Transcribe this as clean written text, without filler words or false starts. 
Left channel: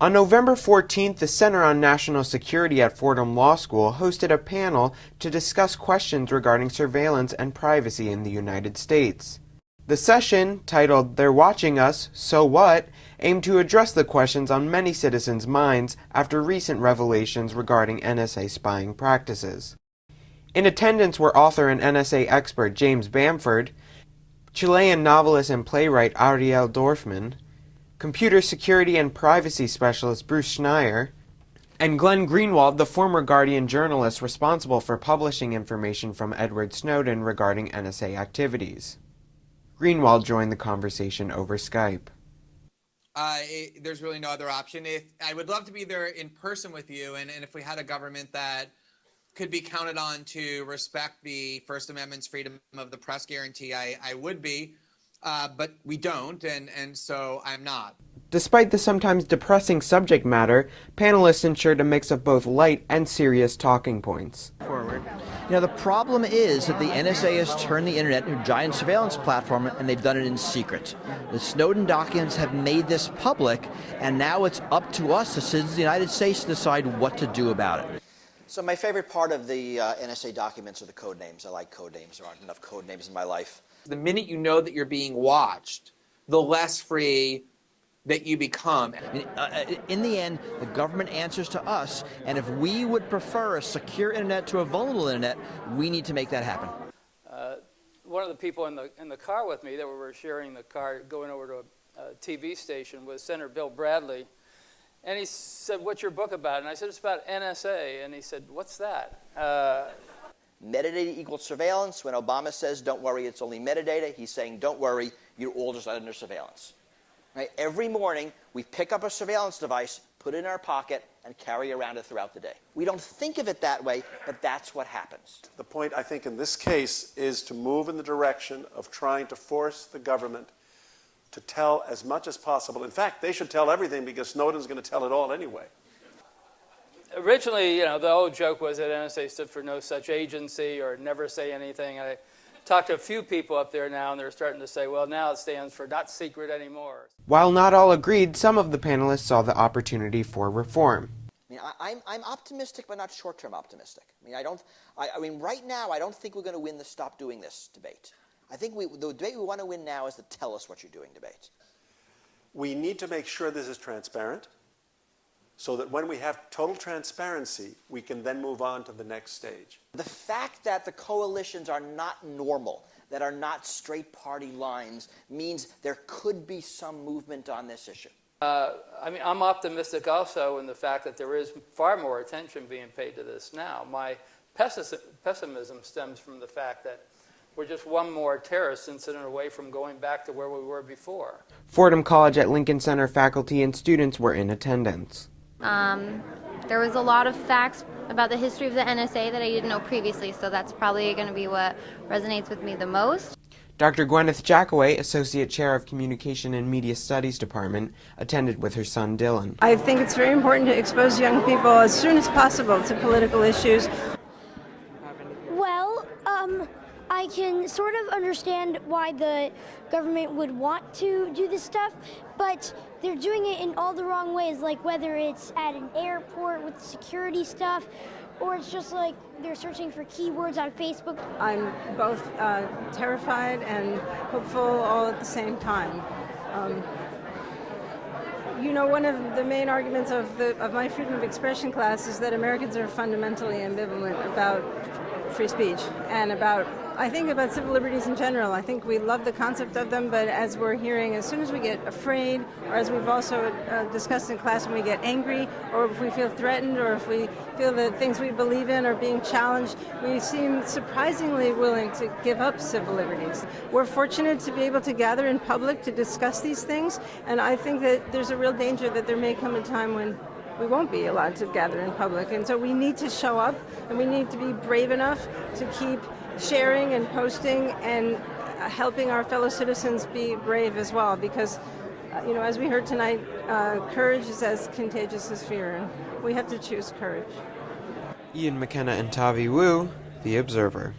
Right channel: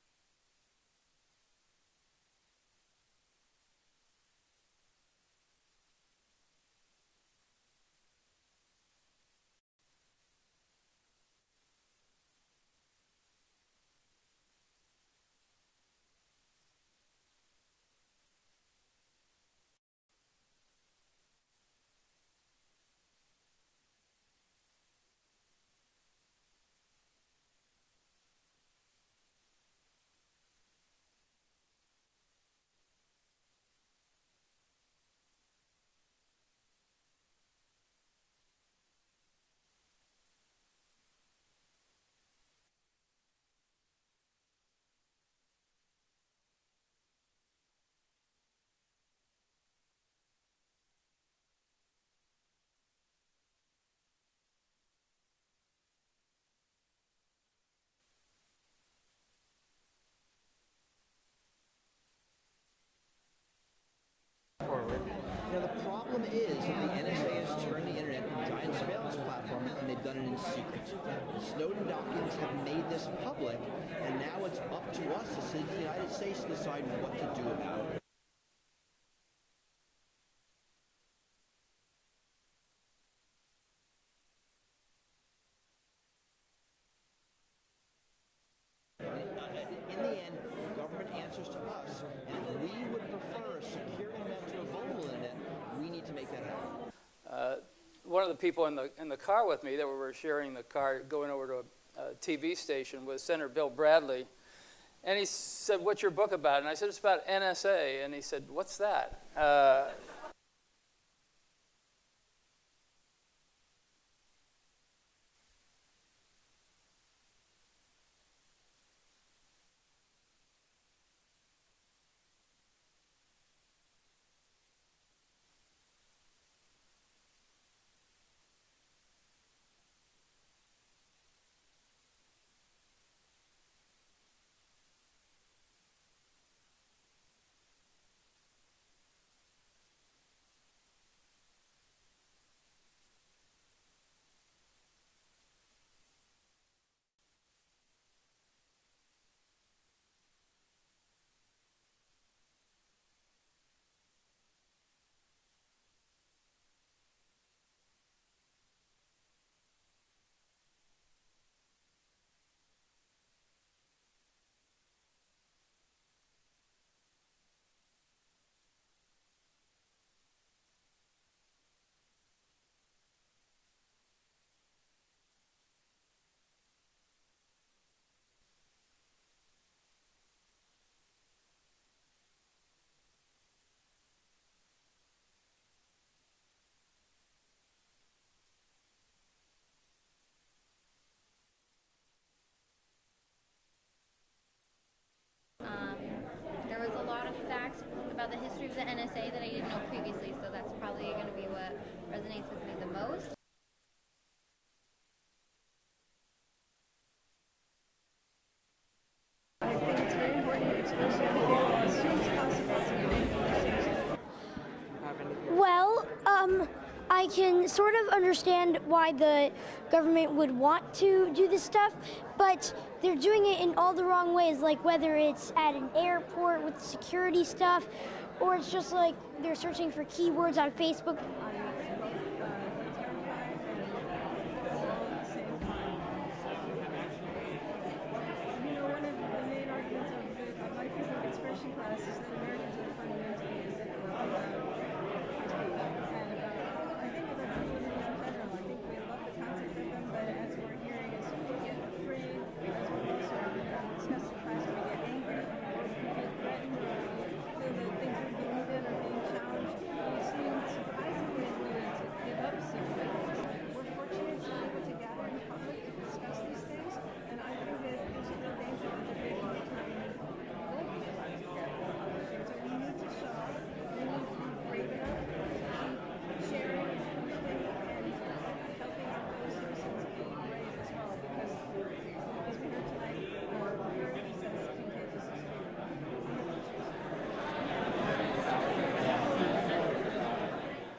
On November 14th, the Center on National Security at Fordham Law School hosted a panel to discuss questions regarding surveillance and privacy in the United States. The session, titled "They're Watching Us, So What?", aimed to address the questions on many citizens' minds after recent revelations regarding NSA spying practices. In attendance were author and NSA expert James Bamford, Chilean novelist and playwright Ariel Dorfman, computer security and privacy specialist Bruce Schneier, and Glenn Greenwald, the former Guardian journalist responsible for publishing information from Edward Snowden regarding NSA activities. Greenwald joined the conversation over Skype. There's really no other option. I would love to be there in person with you, and if we had a government that could be counted on to respect the First Amendment's freedom of the press guarantee, I would be. But we don't, and so I'm not. Despite the sometimes depressing subject matter, panelists ensured a mix of both light and serious talking points. Forward. You know, the problem is that the NSA has turned the internet into a giant surveillance platform, and they've done it in secret. The Snowden documents have made this public, and now it's up to us, the citizens of the United States, to decide what to do about it. So my favorite part of the NSA documents are the code names. I like code names. There aren't enough code names in my life. The minute you know that you're being watched, the less free that you become. In the end, the government answers to us, and if we would prefer a secure internet to a vulnerable internet, we need to make that happen. One of the people in the car with me that we were sharing the car going over to a TV station was Senator Bill Bradley, and he said, "What's your book about?" And I said, "It's about NSA." And he said, "What's that?" Metadata equals surveillance. When Obama says, "Don't worry, it's only metadata," he's saying, "Don't worry, you're all just under surveillance." Right? Every morning, we pick up a surveillance device, put it in our pocket, and carry around it throughout the day. We don't think of it that way, but that's what happens. The point, I think, in this case is to move in the direction of trying to force the government to tell as much as possible. In fact, they should tell everything because Snowden's going to tell it all anyway. Originally, the old joke was that NSA stood for no such agency or never say anything. I talked to a few people up there now, and they're starting to say, well, now it stands for not secret anymore. While not all agreed, some of the panelists saw the opportunity for reform. I'm optimistic, but not short-term optimistic. Right now, I don't think we're going to win the "stop doing this" debate. I think the debate we want to win now is the "tell us what you're doing" debate. We need to make sure this is transparent, so that when we have total transparency, we can then move on to the next stage. The fact that the coalitions are not normal, that are not straight party lines, means there could be some movement on this issue. I'm optimistic also in the fact that there is far more attention being paid to this now. My pessimism stems from the fact that we're just one more terrorist incident away from going back to where we were before. Fordham College at Lincoln Center faculty and students were in attendance. There was a lot of facts about the history of the NSA that I didn't know previously, so that's probably going to be what resonates with me the most. Dr. Gwyneth Jackaway, Associate Chair of Communication and Media Studies Department, attended with her son Dylan. I think it's very important to expose young people as soon as possible to political issues. Well, I can sort of understand why the government would want to do this stuff, but they're doing it in all the wrong ways, like whether it's at an airport with security stuff, or it's just like they're searching for keywords on Facebook. I'm both terrified and hopeful all at the same time. One of the main arguments of my freedom of expression class is that Americans are fundamentally ambivalent about free speech and about civil liberties in general. I think we love the concept of them, but as we're hearing, as soon as we get afraid, or as we've also discussed in class, when we get angry, or if we feel threatened, or if we feel that things we believe in are being challenged, we seem surprisingly willing to give up civil liberties. We're fortunate to be able to gather in public to discuss these things, and I think that there's a real danger that there may come a time when we won't be allowed to gather in public. And so we need to show up, and we need to be brave enough to keep sharing and posting and helping our fellow citizens be brave as well, because as we heard tonight, courage is as contagious as fear, and we have to choose courage. Ian McKenna and Tavi Wu, The Observer.